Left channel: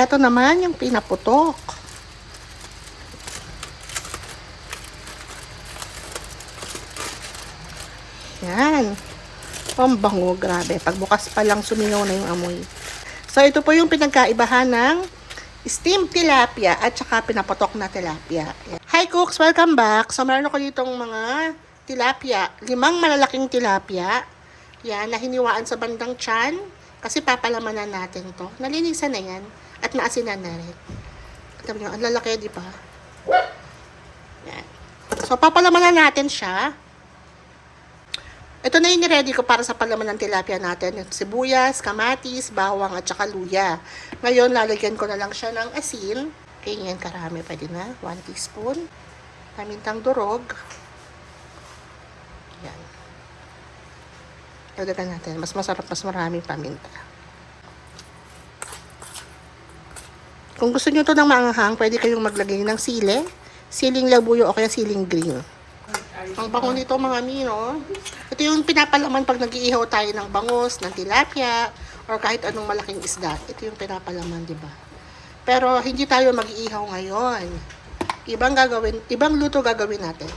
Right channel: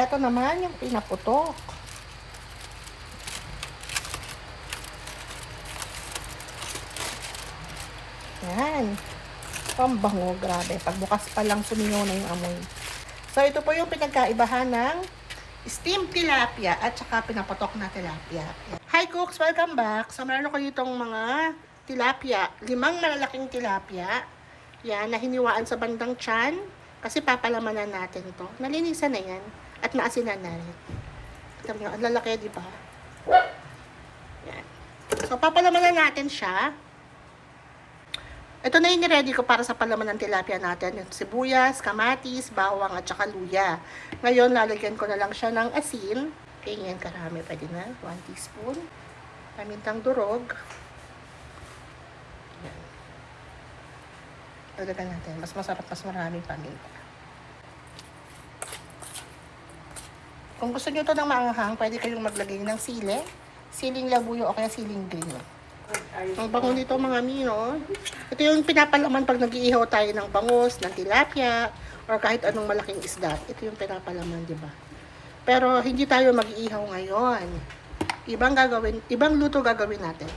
eto naman yung pinaputok. Yan. Ang bango, grabe. Pagbukas pa lang suminaw na yung amoy. So, ito po yung pinagkaibahan ng steamed tilapia at saka pinaputok na tilapia. Hi cooks! Welcome back! So, meron ako ditong mga tilapia. 5 malalaking tilapia. Yan, na hiniwaan sa bandang tiyan. Kasi papalamanan natin to. Nalinisan na yan. At naasinan na rin. Tignan nyo, ang lalaki, di ba? Yan. So, papalamanan natin siya. Ito na yung ready ko para sa palaman ng tilapia natin. Sibuyas, kamatis, bawang, at saka luya. Ngayon, lalagyan ko na lang siya ng asin. Ganyan karami. Pwede na. 1 teaspoon. Pamintang durog. Yan. Lagyan natin. Mas masarap, mas maraming paminta. Kung gusto nyo ito ng maanghang, pwede kayong maglagay ng sili. Siling labuyo o kaya siling green. Ang bango nito mga mino. Ito yung pinapalaman pag nag-iihaw tayo ng bangus, ng tilapia, or kahit anong malaking isda. Ito yung pinapalaman, di ba? Pero hindi tayo mag-iihaw ngayon. Ibang luto gagawin natin.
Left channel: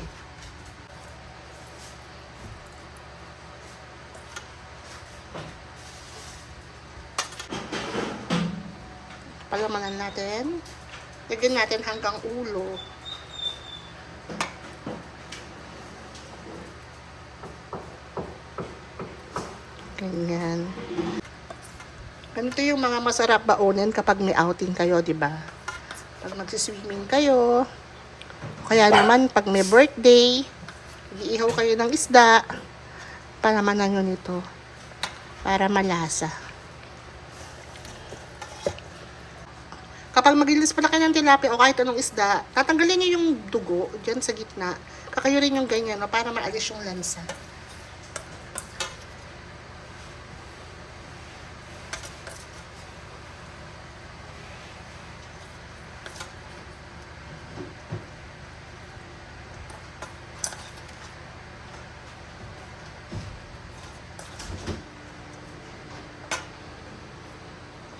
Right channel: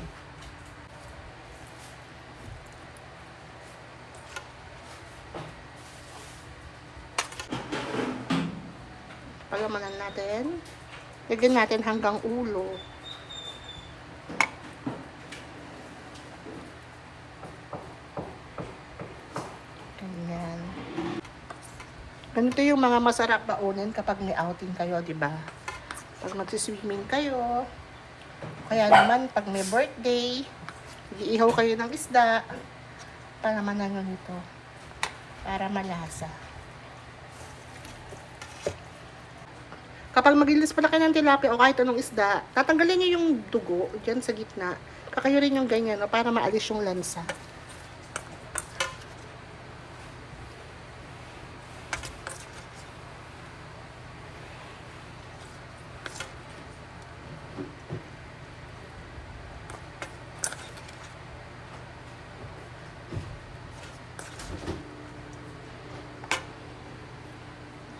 Palamanan natin. Lagyan natin hanggang ulo. Ganyan. Ganito yung mga masarap baunin kapag may outing kayo, di ba? Pag magsiswimming kayo, kaya naman pag may birthday, mag-iihaw kayo ng isda, palamanan nyo nito para malasa. Kapag maglilis pala kayo ng tilapia o kahit anong isda, tatanggalin nyo yung dugo dyan sa gitna. Kakayurin yung ganyan, no, para maalis yung lansa.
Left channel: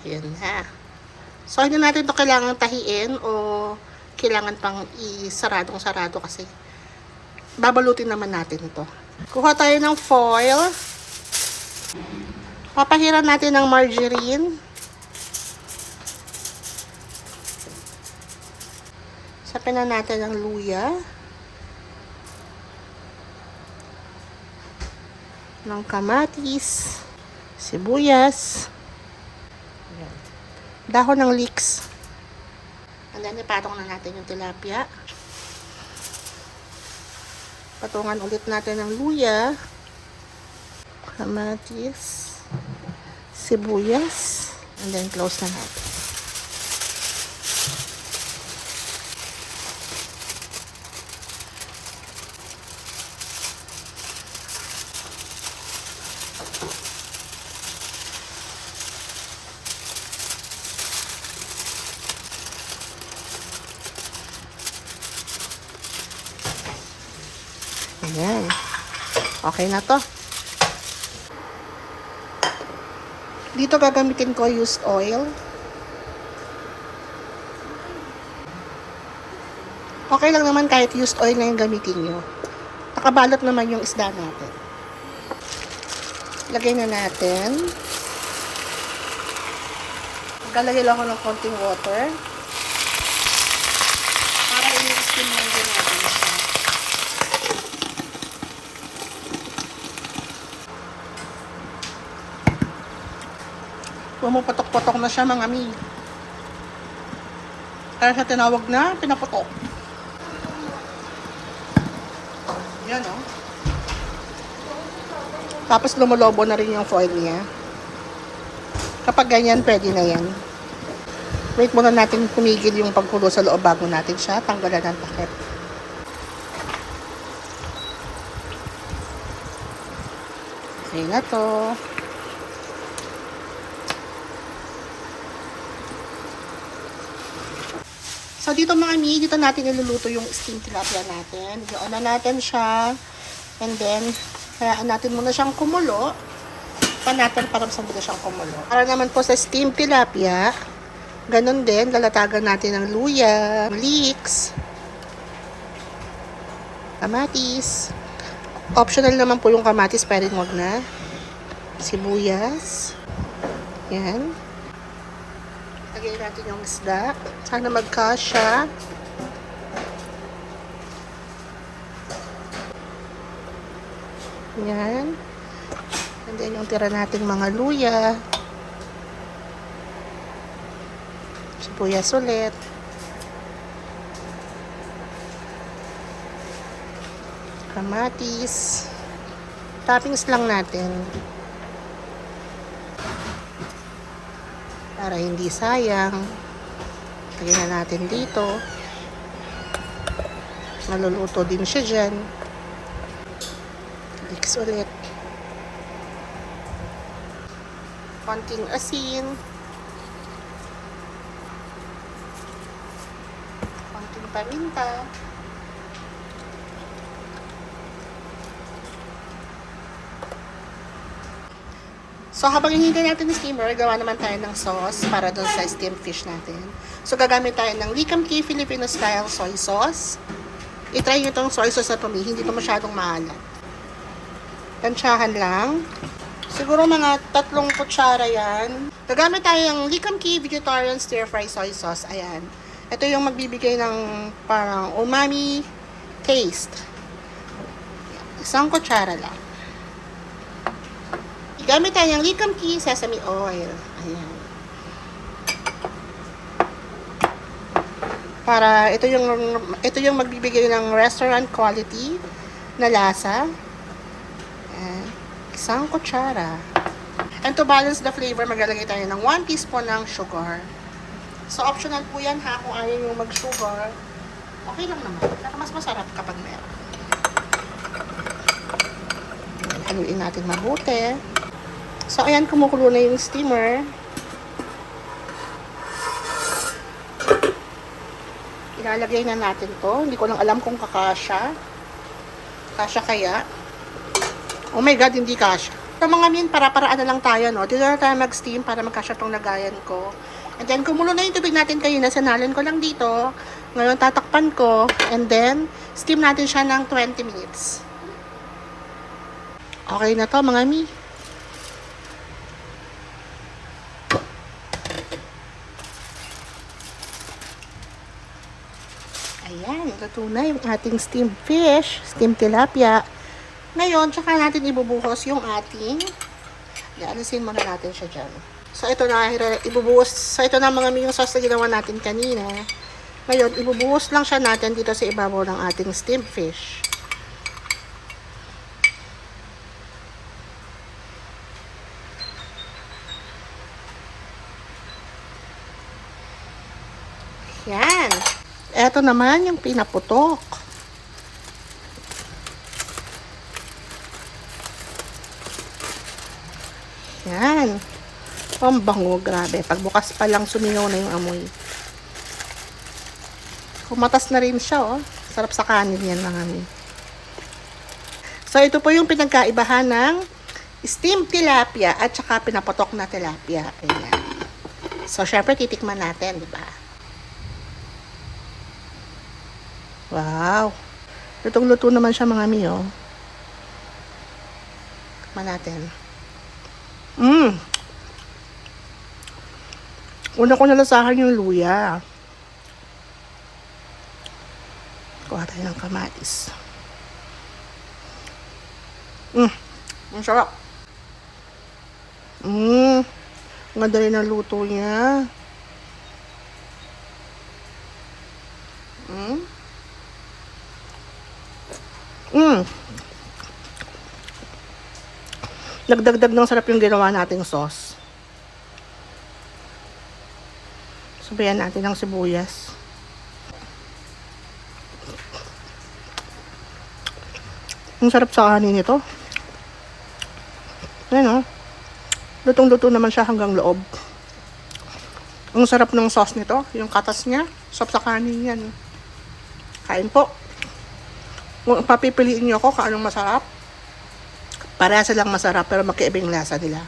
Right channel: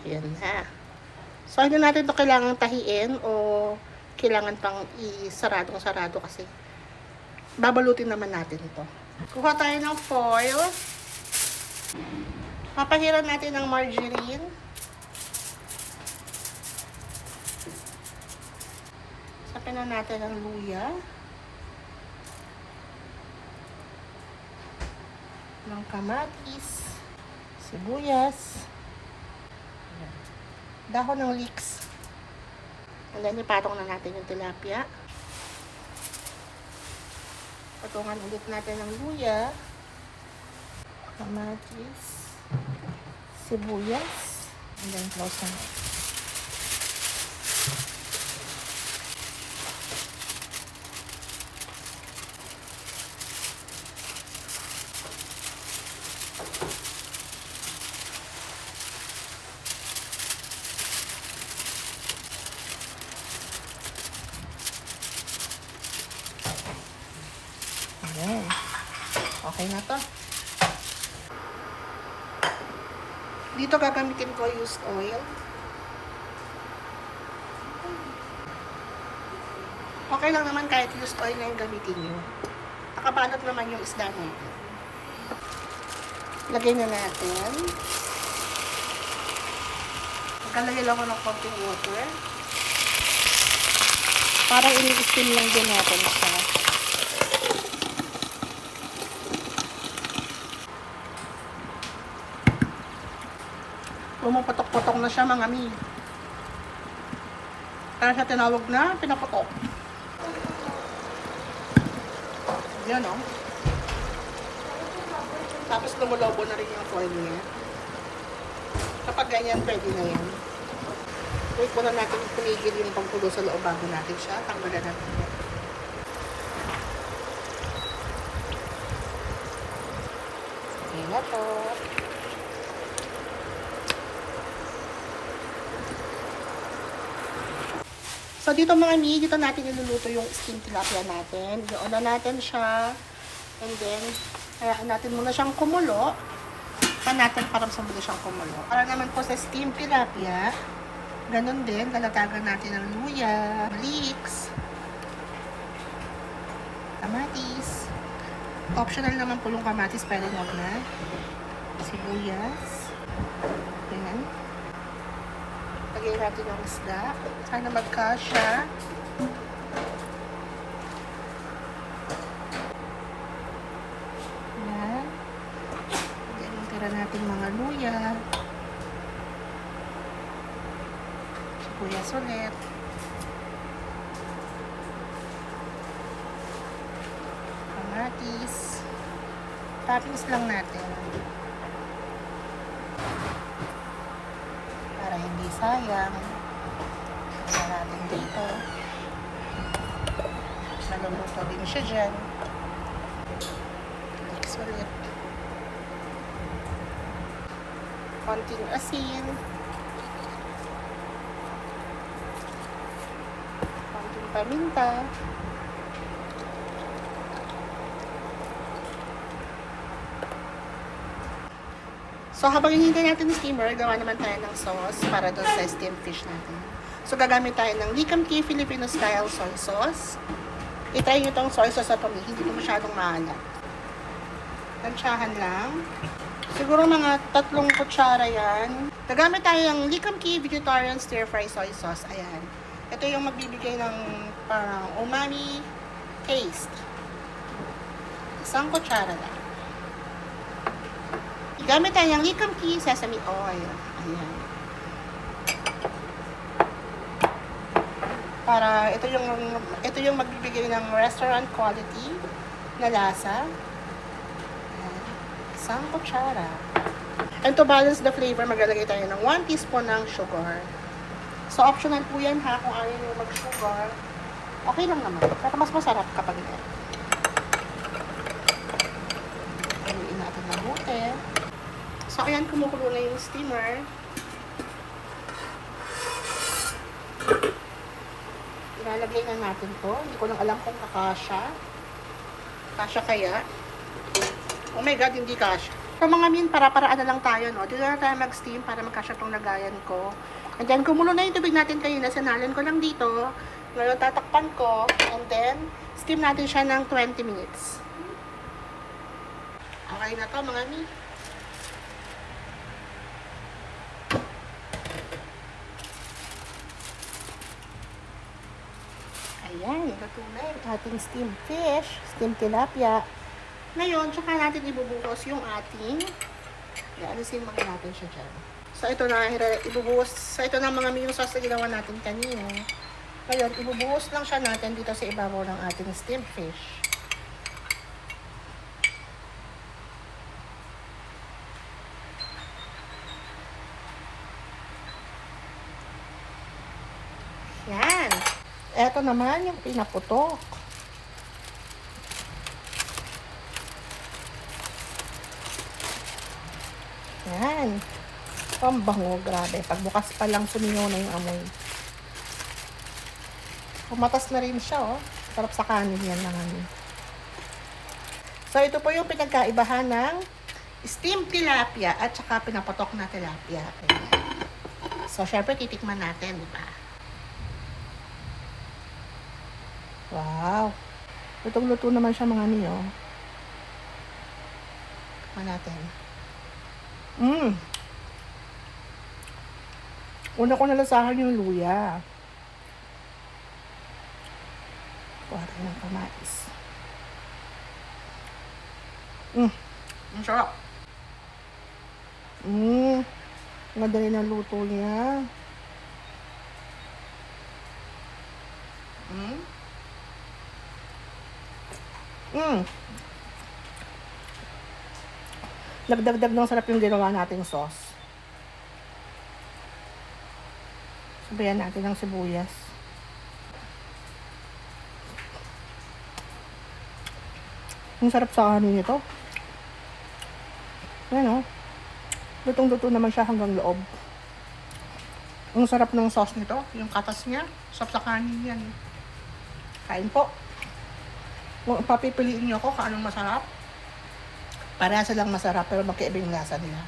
Ayan na. So, hindi natin ito kailangan tahiin o kailangan pang isaradong-sarado kasi babalutin naman natin ito. Kuha tayo ng foil. Papahiran natin ng margarine. Sapin na natin ang luya. Ng kamatis. Sibuyas. Ayan. Dahon ng leeks. And then, ipatong na natin yung tilapia. Patungan ulit natin ng luya. Kamatis. Sibuyas. And then, close na natin. Ayan. Okay na to. Dito gagamitin ko used oil. Okay lang naman kahit used oil na yung gamitin nyo. Nakabalot naman yung isda natin. Lagay na natin. Maglalagay lang ako ng konting water. Para i-steam lang din natin siya. Pumapatok-patok na siya mga mi. Kaya siya tinawag na pinapatok. Yan o. Tapos lumulobo na rin yung foil niya. Kapag ganyan, pwede na yan. Wait muna natin kumigil yung pagkulo sa loob bago natin siya tanggalan ng takip. Okay na to. So, dito mga mi, dito natin iluluto yung steamed tilapia natin. Iyon na natin siya. And then, hayaan natin muna siyang kumulo. Pan natin para sandali siyang kumulo. Para naman po sa steamed tilapia, Ganon din, lalatagan natin ng luya, leeks, kamatis. Optional naman po yung kamatis, pero wag na. Sibuyas. Yan. Lagay natin yung isda. Sana magkasya. Yan. And then yung tira nating mga luya. Sibuyas ulit. Kamatis. Toppings lang natin. Para hindi sayang. Lagyan natin dito. Maluluto din siya dyan. Mix ulit. Konting asin. Konting paminta. So, habang hinihintay natin ng steamer, gawa naman tayo ng sauce para doon sa steamed fish natin. So, gagamit tayo ng Likam Key Filipino Style Soy Sauce. I-try nyo itong soy sauce na to, hindi ito masyadong maalat. Tansyahan lang. Siguro mga 3 kutsara yan. Gagamit tayo ng Likam Key Vegetarian Stir Fry Soy Sauce. Ayan. Ito yung magbibigay ng parang umami taste. 1 kutsara lang. Gamit tayo ng Likam Key Sesame Oil. Ayan. Para ito yung magbibigay ng restaurant quality na lasa. Ayan. 1 kutsara. And to balance the flavor, maglalagay tayo ng 1 teaspoon ng sugar. So, optional po yan ha, kung ayaw yung mag-sugar. Okay lang naman. Pero mas masarap kapag meron. Haluin natin mabuti. So, ayan, kumukulo na yung steamer. Ilalagay na natin to. Hindi ko lang alam kung kakasya. Kasya kaya? Oh my God, hindi kasya. So, mga min, para-paraan na lang tayo, no? Dito na tayo mag-steam para magkasya tong lagayan ko. And then, kumulo na yung tubig natin kanina. Sinalan ko lang dito. Ngayon, tatakpan ko. And then, steam natin siya ng 20 minutes. Okay na to, mga mi. Ayan, luto na yung ating steamed fish, steamed tilapia. Ngayon, tsaka natin ibubuhos yung ating, alisin muna natin siya dyan. So, ito na, ibubuhos, so ito na mga yung sauce na ginawa natin kanina. Ngayon, ibubuhos lang siya natin dito sa ibabaw ng ating steamed fish. Yan. Ito naman yung pinaputok. Yan. Ang bango, grabe. Pagbukas pa lang, suminaw na yung amoy. Kumatas na rin siya, oh. Sarap sa kanin yan lang amin. So, ito po yung pinagkaibahan ng steamed tilapia at saka pinaputok na tilapia. Ayan. So, syempre, titikman natin, di ba? Wow. Lutong-luto naman siya mga miyo. Tikman natin. Una ko nalasahan yung luya. Kuha tayo ng kamatis. Ang sarap. Ganda rin ang luto niya. Nagdagdag ng sarap yung ginawa nating sauce. Sabayan natin ng sibuyas. Ang sarap sa kanin ito. Ayan o. Lutong-luto naman siya hanggang loob. Ang sarap ng sauce nito. Yung katas niya. Sarap sa kanin yan. Kain po. Kung papipiliin nyo ako kung anong masarap, para silang masarap pero magkaibang lasa nila.